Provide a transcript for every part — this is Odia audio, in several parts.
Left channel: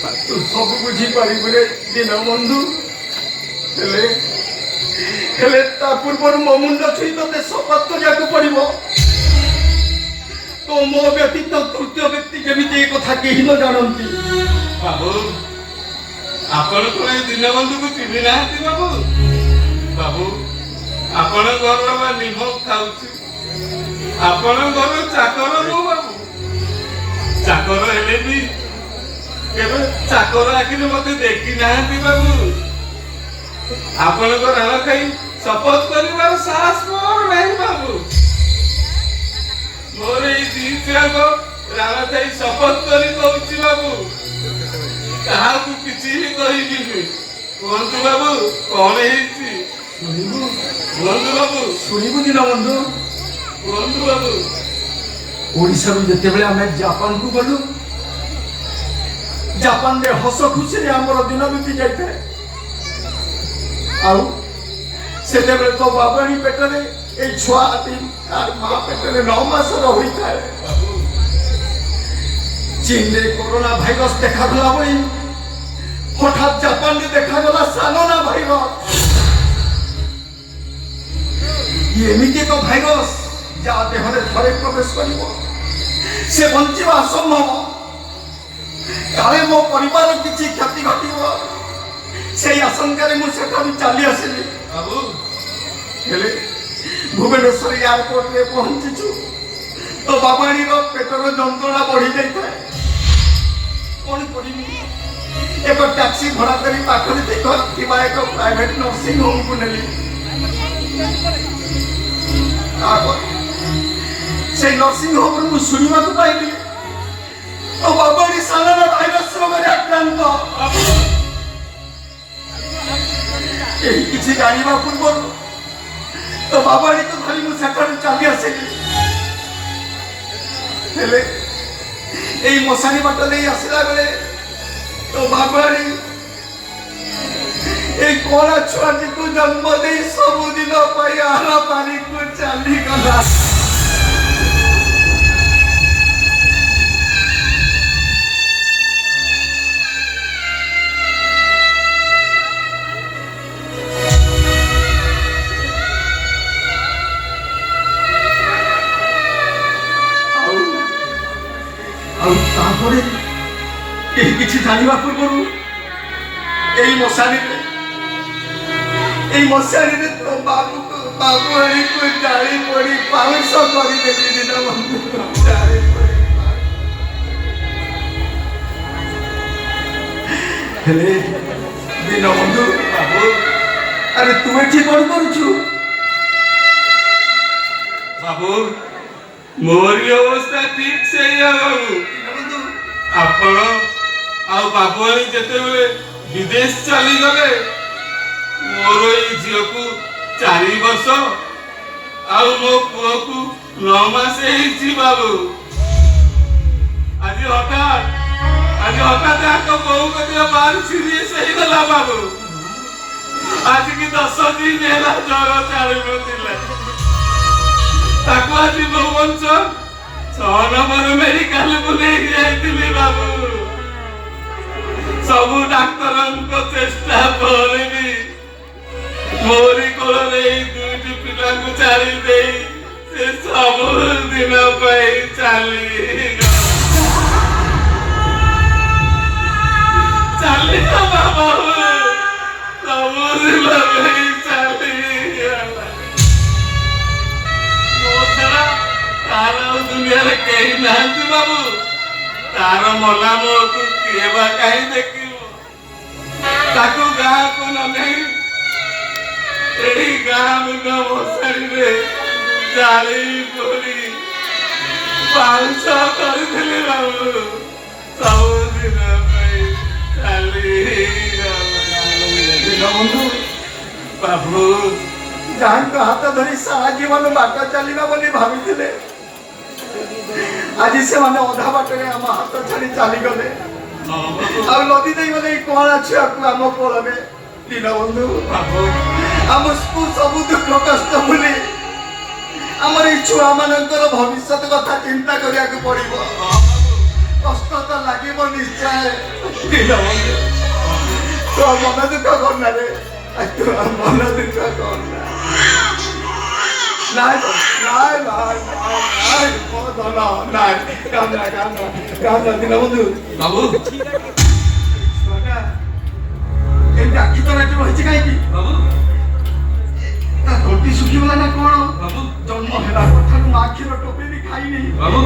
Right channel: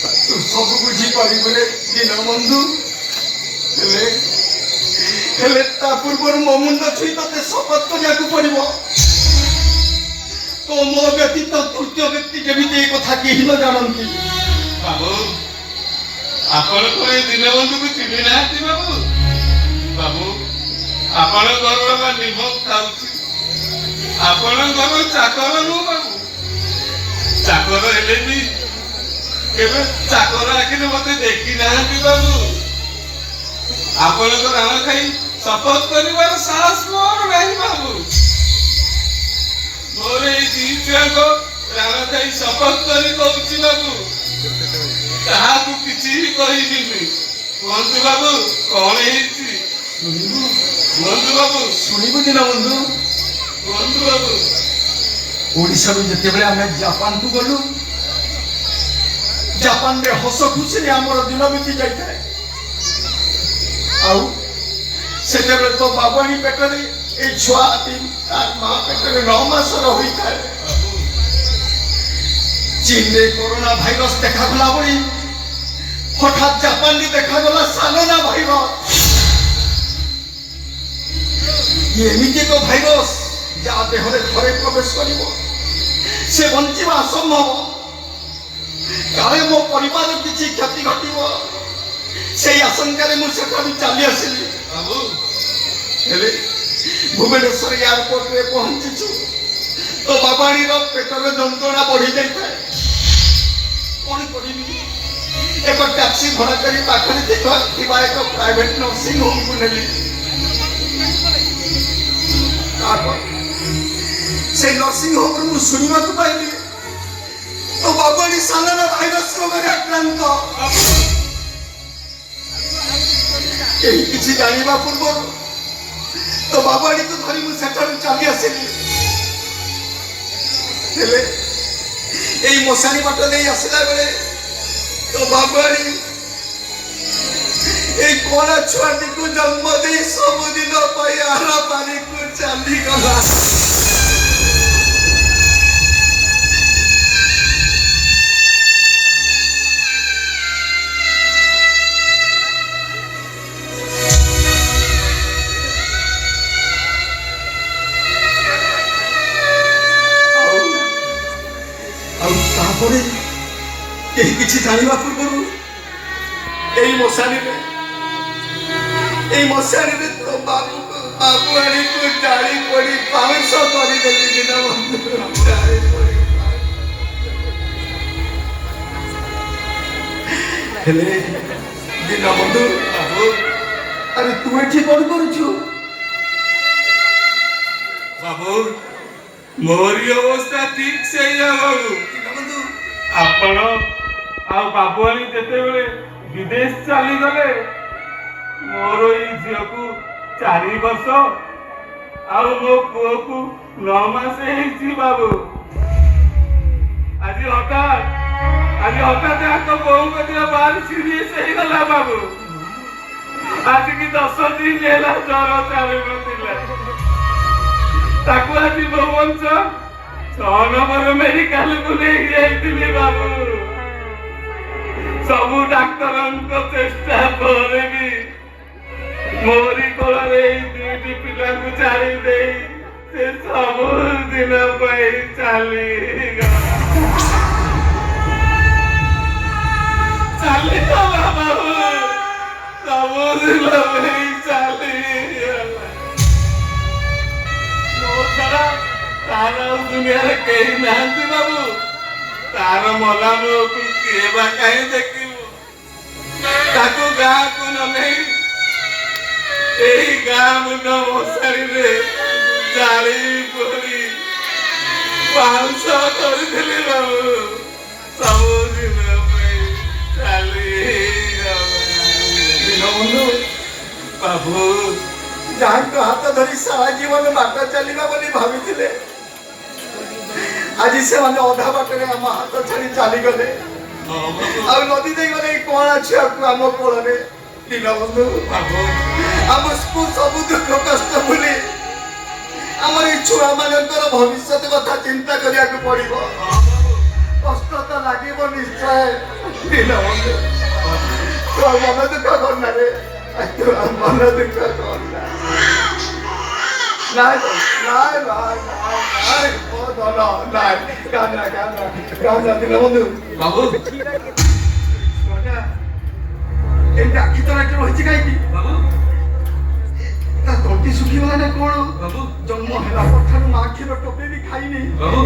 ତୁ ସବୁ ବୁଝିପାରିବୁ ରେ ଦୀନବନ୍ଧୁ। ହେଲେ ତା ପୂର୍ବରୁ ମୋ ମୁଣ୍ଡ ଛୁଇଁ ତତେ ଶପଥ କରିବାକୁ ପଡିବ। ତ ମୋ ବ୍ୟତୀତ ତୃତୀୟ ବ୍ୟକ୍ତି ଯେମିତି ଏ କଥା କେହି ନ ଜାଣନ୍ତି। ବାବୁ ଆପଣ କଣ ଏଇ ଦୀନବନ୍ଧୁକୁ ଚିହ୍ନି ନାହାନ୍ତି ବାବୁ? ବାବୁ ଆପଣଙ୍କ ଘରର ବା ନିମ ଖାଉଛି, ଆପଣଙ୍କ ଘର ଚାକର ନୁହଁ ବାବୁ। ଚାକର ହେଲେ ବି କେବେ ଚାକର ଆଖିରେ ମତେ ଦେଖି ନାହାନ୍ତି ବାବୁ। ଆପଣଙ୍କ ରାଣ ଖାଇ ଶପଥ କରିବାର ସାହସ ମୋର ନାହିଁ ବାବୁ। ମୋର ଏଇ ଦି ଛୁଆଙ୍କ ରାଣ ଖାଇ ଶପଥ କରି କହୁଛି ବାବୁ, କାହାକୁ କିଛି ବି କହିବିନି। କୁହନ୍ତୁ ବାବୁ କଣ ହେଇଛି? ଶୁଣିବୁ କୁହନ୍ତୁ ବାବୁ, ଶୁଣିବୁ ଦୀନବନ୍ଧୁ। କୁହନ୍ତୁ ବାବୁ। ଓଡ଼ିଶାରୁ ଯେତେବେଳେ ଆମେ ଜାପାନକୁ ଗଲୁ, ଜାପାନରେ ହସ ଖୁସିରେ ଆମର ଦିନ ବିତି ଯାଇଥାଏ। ଆଉ ସେତେବେଳେ ତ ବାବାଣୀ ପେଟରେ এই ଛୁଆ ତାର ମା ପେଟରେ 9 ମାସର ହୋଇଥାଏ। ଚୀନରେ କରୋନା ଭାଇରସ ଦେଖାଗଲା ଭଳି হঠাৎ জাপানে দেখাগলা সালোনা ভাইরস। এমিতি এক ভাইরস যা দেহরে ঘরে প্রবেশ করিব সে বঞ্চিবা অসম্ভব। কালে মো পরিবার কিছু ক্ষতি ঘটিব সেই আশঙ্কারে মু সেঠারু চালি আসিলি। বাবু হেলে ভুবনেশ্বর এয়ারপোর্টে পৌঁছিছু তো বাবাণীর পেটর যন্ত্রণা বড়ি যাইଥାଏ। কোন করিবি? एक टैक्सी भड़ा करी पाखरे ଥିବା ଏକ ପ୍ରାଇଭେଟ ନର୍ସିଂ ହୋମକୁ ନେଲି। ସେ ନର୍ସିଂ ହୋମରୁ ମୁଁ ଶୁଣିବାକୁ ପାଇଲି ଓ ବାବାଣୀ ସାଲନା ଭାଇରସ ରୋଗରେ ଆକ୍ରାନ୍ତ। କେହି କିଛି ଜାଣିବା ପୂର୍ବରୁ ତ ବାବାଣୀକୁ ଧରି ମୁଁ ସେଠାରୁ ଚାଲି ଆସିଲି। ହେଲେ ଏଇ ମଶାଣି ବାଟ ଦେଇ ଆସିଲା ବେଳେ तो बाबाणी एक कोड़ा छुआटी को जन्म दे सबुदिन आर पारी को चली गला। केही किछि जानिबा पूर्वरु एई मशानी तो बाबू आनी को जाली पड़ी पावस करी देली दीनबंधु। हेले दीनबंधु बाबू अरे तू एठी कोन करूछु? बाबू मोरी अवस्था ठीक से बाबू। ଆପଣ ଆଉ ବାବୁଆଣୀ ଯେତେବେଳେ ବିଦେଶ ଚାଲିଗଲେ ମୋର ଏଇ ଝିଅକୁ 4 ବର୍ଷ ଆଉ ମୋ ପୁଅକୁ 9 ମାସ ହେଇଛି ବାବୁ। ଆଜି ହଠାତ୍ ଆଙ୍କ ବୋଉଙ୍କ ଦେହ ଭାରି ସିରିୟସ୍ ହେଇଗଲା ବାବୁ। ଆଜିକି 10 ଦିନ ହେଲା ଜ୍ୱର ଛାଡୁନଥିଲା। ତାକୁ ଆଜି ଭୁବନେଶ୍ୱର 6 ନମ୍ବର ମେଡିକାଲକୁ ନେଇକି ଯାଇଥିଲି ବାବୁ। ସବୁ ଡାକ୍ତରଙ୍କ ଚେଷ୍ଟା ପରେ ବି ମୋରି କୋଳରେ ଏଇ 2ଟି ପିଲାଙ୍କୁ ଛାଡ଼ି ଦେଇ ସେ ସବୁ ଦିନ ପାଇଁ ଚାଲିଗଲା ବାବୁ। ସବୁ ଦିନ ପାଇଁ ଚାଲିଗଲା। ମୋ ଛଡା तार दुनिया रे केही नाहंती बाबू। तार मला मुहकु किए बा कहीं देखिबो? ताकू गाँ को न नहीं एही गाँ मुंड मशारी रे जाली पड़ी 500 କରିଥିଲି ବାବୁ। ସବୁ ଦିନ ପାଇଁ ଚାଲିଗଲା ଦୀନବନ୍ଧୁ ବାବୁ। ଯାହାଙ୍କ ହାତ ଧରି ସାରା ଜୀବନ ବାଟ ଚାଲିବା ବୋଲି ଭାବିଥିଲେ ଆଜି ସେମାନେ ଅଧା ବାଟରେ ଆମ ହାତ ଛାଡି ଚାଲିଗଲେ। ଆଉ ନଦୀ ଦେଇ ଗଲେ ଏଇ କଣା ଛୁଆକୁ ଆମ କୋଳରେ। ଦୀନବନ୍ଧୁ ଆମକୁ ସବୁ ଦୁଃଖ କଷ୍ଟ ଭୁଲି ଆମର ଏଇ ଛୁଆ ମାନଙ୍କର ଭବିଷ୍ୟତ କଥା ଚିନ୍ତା କରିବାକୁ ପଡିବ। କଷ୍ଟ ତ ଲାଗିବ ନିଶ୍ଚୟ। ଦୀନବନ୍ଧୁ ତୋ ମନ ଦୁଃଖ କରନା ରେ, ତୁ ମନ ଦୁଃଖ କରନା। ନାଇଁ ଦୀନବନ୍ଧୁ ବାବୁ ଏମିତି ଆଖି ତଳେ ରହିଛି କାହିଁକି? ବାବୁ ତଣ୍ଟି ଶୁଖିଗଲା ନା କଣ? ବାବୁ ଜନ୍ମ ହେଲା କଥାରୁ ମା କ୍ଷୀର ଟୋପେ ବି ଖାଇନି। ବାବୁ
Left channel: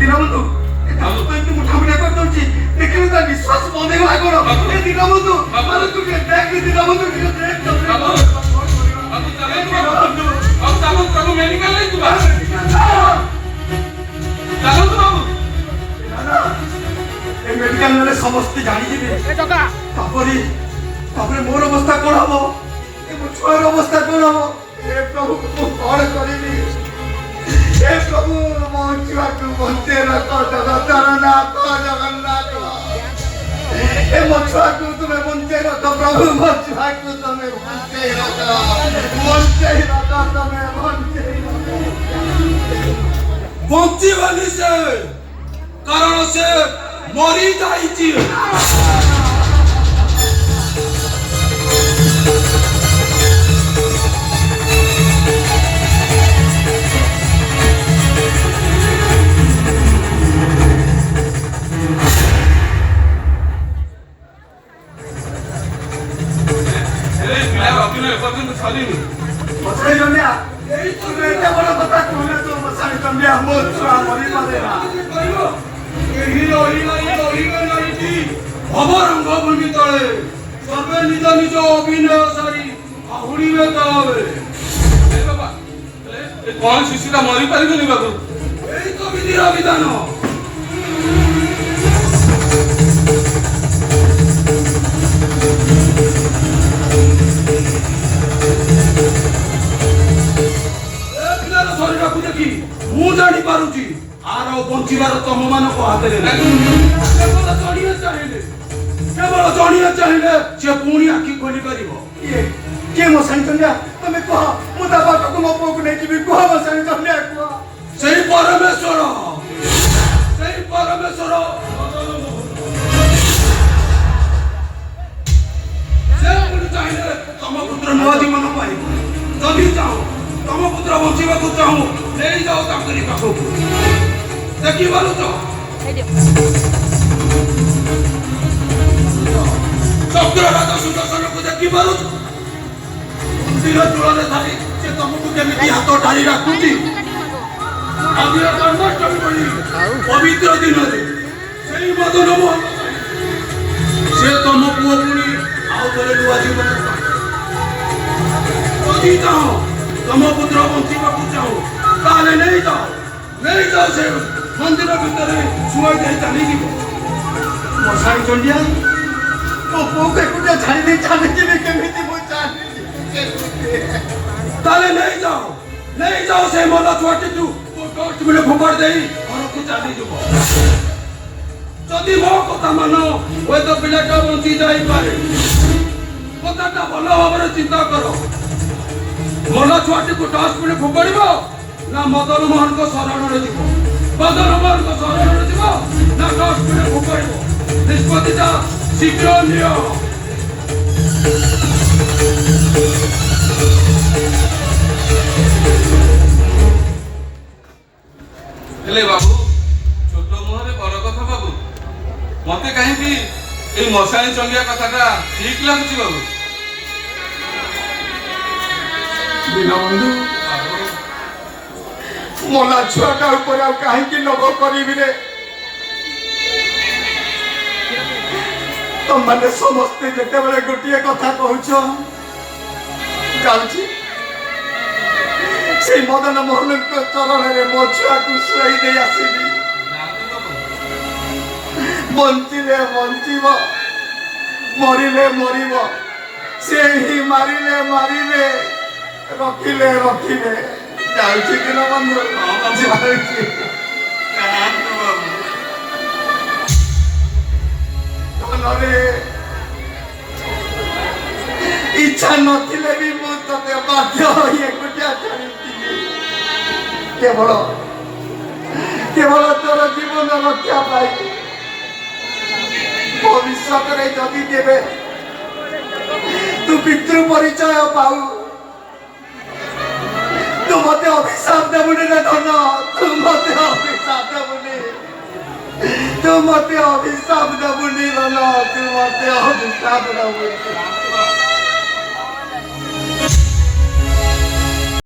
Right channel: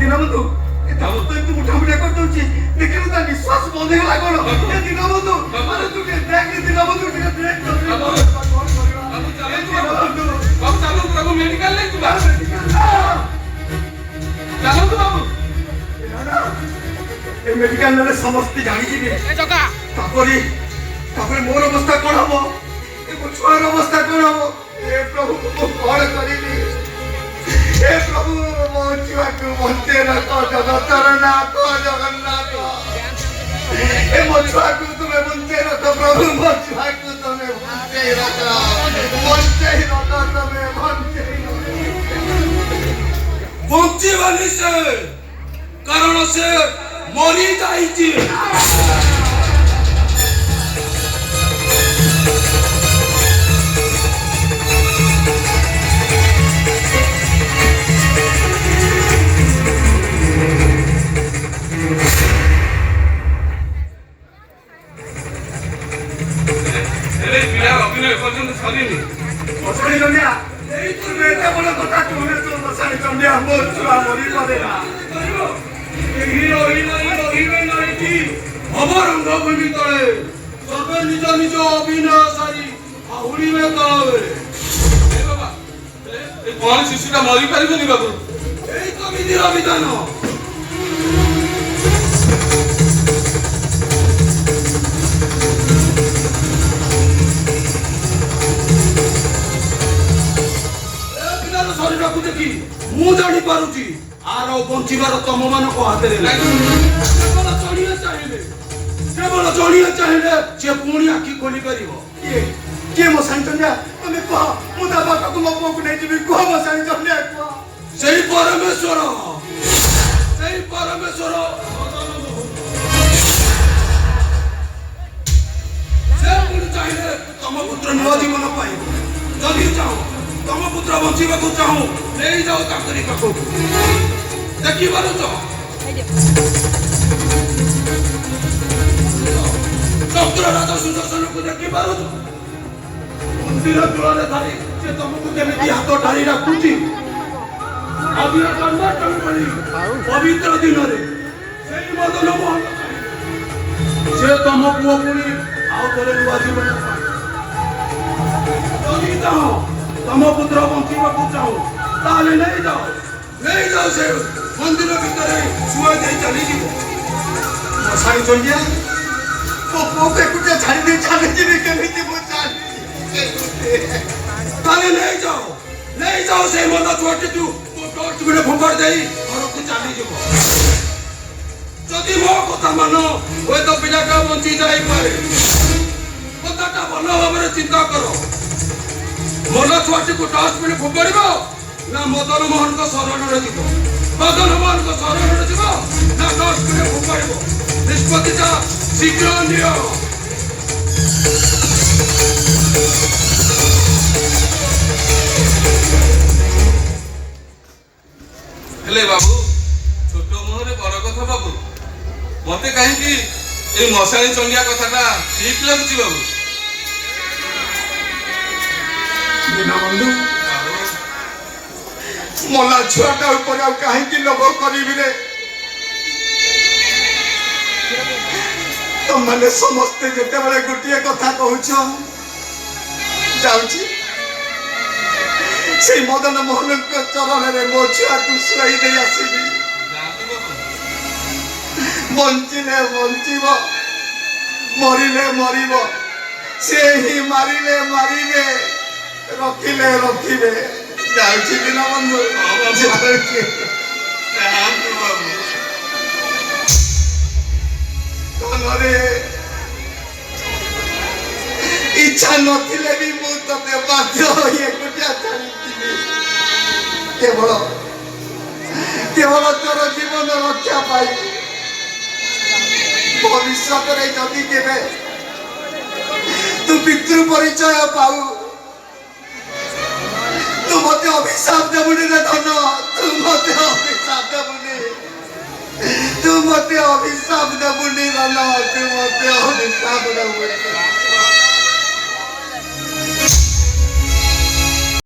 ଦୀନବନ୍ଧୁ ଏମିତି ମୁଠାମୁଠା କରିଦଉଛି, ଦେଖିଲୁ ତା ନିଶ୍ୱାସ ବନ୍ଦ ହେଇଗଲା କଣ? ଦୀନବନ୍ଧୁ ତୁ ଟିକେ ଦେଖ, ଦୀନବନ୍ଧୁ ଟିକେ ଦେଖ। ବାବୁ ଚାଲନ୍ତୁ ତାକୁ ମେଡିକାଲ ନେଇଯିବା। ଚାଲନ୍ତୁ ବାବୁ। ଏ ମେଡିକାଲ ନେଲେ ସମସ୍ତେ ଜାଣିଯିବେ। ତାପରେ ମୋର ଅବସ୍ଥା କଣ ହବ? ଏ ମୋ ଛୁଆର ଅବସ୍ଥା କଣ ହବ? ଏ ପ୍ରଭୁ ମୁଁ କଣ କରିବି? ଏ ପ୍ରଭୁ ମୋ ଛୁଆକୁ ବଞ୍ଚେଇ ରଖ ଜଗତରନାଥ, ଜଗନ୍ନାଥ। ଏ ମୋ ଛୁଆକୁ ତୁମେ ବଞ୍ଚେଇ ରଖ ପ୍ରଭୁ, ମୋ ଛୁଆକୁ ତମେ ବଞ୍ଚେଇ ରଖ, ବଞ୍ଚେଇ ରଖ, ତମେ ବଞ୍ଚେଇ ରଖ। ବଞ୍ଚିବନି ସେ, କାରଣ ସେ ମରି ଯାଇଛି। ସରିନି ମଶାଣି ଚଣ୍ଡିଆ, ତୁମେ ଏତେ ବଡ଼ କଥା କହୁଛ ତ ମଶାଣି ଚଣ୍ଡିଆ, ମୋ ଛୁଆ ମରିପାରେ না। ରଙ୍ଗଭୂମି ତଳେ ସର୍ବେ ନିଜ ନିଜ ଅଭିନୟ ସାରି ଆହୁରିବେ ତଳେ। କଣ ଶିଶୁଟା ମରିପାରିବନି ବାବୁ? ଏଇ ତ ବିଧିର ବିଧାନ। ଶରୀରକୁ ଦେଖି ମୁଁ ଜାଣିପାରୁଛି ଆର ବଞ୍ଚିବାର ତମ ମାନଙ୍କ ହାତରେ ନାହିଁ। କେବଳ ଜଣିଆ ଚାହିଁଲେ ସେ ପୁଣି ଆଖି ଖୋଲି ପାରିବ। କିଏ ମଶାଣି ଚଣ୍ଡିଆ? ତମେ କୁହ, ମୁଁ ତା ପାଖକୁ ମୋ ପୁଅକୁ ନେଇଯିବି। କୁହ ମଶାଣି ଚଣ୍ଡିଆ, କୁହ। ସେଇ ପରମେଶ୍ୱର ସେ ପୁଣି ଚାହିଁଲେ ତମ ପୁତ୍ର ନୂଆ ଜୀବନ ପାଇବ। ଯଦି ଚାହୁଁ ତମ ପୁତ୍ର ବଞ୍ଚିବାକୁ ଚାହୁଁ, ନେଇଯାଅ ତାଙ୍କରି ପାଖକୁ। ଦେଖିପାରୁଛ ଚକ୍ରରାଜ ସୁଦର୍ଶନକୁ ଦେଖିପାରୁଛ? ମନ୍ଦିର ଚୂଳରେ ଧରି ସେ ତମକୁ କେମିତି ହାତ ଢାଳି ରାଖୁଛି। ଆଜିର ଜନ୍ମାଷ୍ଟମୀ ଭଳି ପବିତ୍ର ଦିନରେ ସେଇ ମଦନ ମୋହନ ସେ ତମ ପୁଅ ପୁଣି ଆଉ ଥରେ ନୂଆ ଜୀବନ ପାଇବ। ଯଦି ଚାହଁ ତମ ପୁତ୍ର ବଞ୍ଚିବାକୁ ଚାହୁଁ, ତାହେଲେ ନେଇଯାଅ ସେ ମନ୍ଦିର ଭିତରେ ଶୁଆଇ ଦେଇ ଚାଲିଯିବ। ମଶାଣି ଚଣ୍ଡିଆ, ମୋ ପୁଅକୁ ଏକୁଟିଆ ଛାଡ଼ି ଦେଇ ଚାଲିଯିବି କେମିତି? ମୁଁ ଚାଲିଯିବି। ତାହେଲେ ନେଇଯାଅ ସେ ମନ ଛୁଆଟିକୁ ଡଷ୍ଟବିନ୍ ଫୋପାଡ଼ି ଦେଇ ଘରକୁ ଚାଲିଯିବ। ଯଦି ମୋ କଥା ମାନ, ହୁଏତ ପିଲାଟା ବଞ୍ଚି ଯାଇପାରେ। କଥାଟା ଭଲ ଭାବରେ ଚିନ୍ତା କର। ମନ ଛୁଆଟିକୁ ଡଷ୍ଟବିନ୍ ଫୋପାଡ଼ିବ ନା ମଦନ ମୋହନଙ୍କ ଶରଣରେ ଯିବ? ମଦନ ମୋହନଙ୍କ ଶରଣରେ ଯିବ ନା ଡଷ୍ଟବିନ୍ ଫୋପାଡ଼ିବ? ନିଷ୍ପତ୍ତିଟା ଶୀଘ୍ର ନିଅ। ହେଲେ ବାବୁ, ଛୋଟ ମୁହଁରେ ବଡ କଥା ବାବୁ। ମତେ କାହିଁକି এই ମଶାଣି ଚଣ୍ଡିଆ କଥାଟା ଠିକ ଲାଗୁଛି ବାବୁ। ଦୀନବନ୍ଧୁ, ମଲା ଛୁଆଟା ଉପରେ ଆଉ କାହିଁକି ଲୋଭ କରିବି ରେ? ତମମାନେ ସମସ୍ତେ ଯେତେବେଳେ ଗୋଟିଏ କଥା କହୁଛ, ଯାଉଛି ସେଇ ମଦନ ମୋହନଙ୍କ ଚରଣରେ ମୋ ଛୁଆକୁ ଶୁଆଇ ଦେଇ ଆସିବି। ବଞ୍ଚିଲେ ବଞ୍ଚିବ, ମରିଲେ ମରିବ, ସେ ହିଁ ମାରିଲେ ମାରିବେ, ରଖିଲେ ରଖିବେ। ଯାଉଛି ଦୀନବନ୍ଧୁ, ଯାଉଛି। ମନରେ ଇଚ୍ଛା ନଥିଲେ ବି ମୁଁ ତତେ ବାଧ୍ୟ ହୋଇ ଏକୁଟିଆ ଚାଲିଯିବି। କେବଳ ତୋର ଜୀବନ ରକ୍ଷା ପାଇଁ, भविष्य रे जदि केबे तू पितृ परिचय पाऊ तू मते अभिशाप देबुनी रे धन तू मते अभिशाप देबुनी तू मते अभिशाप देबुनी धन तू मते अभिशाप देबुनी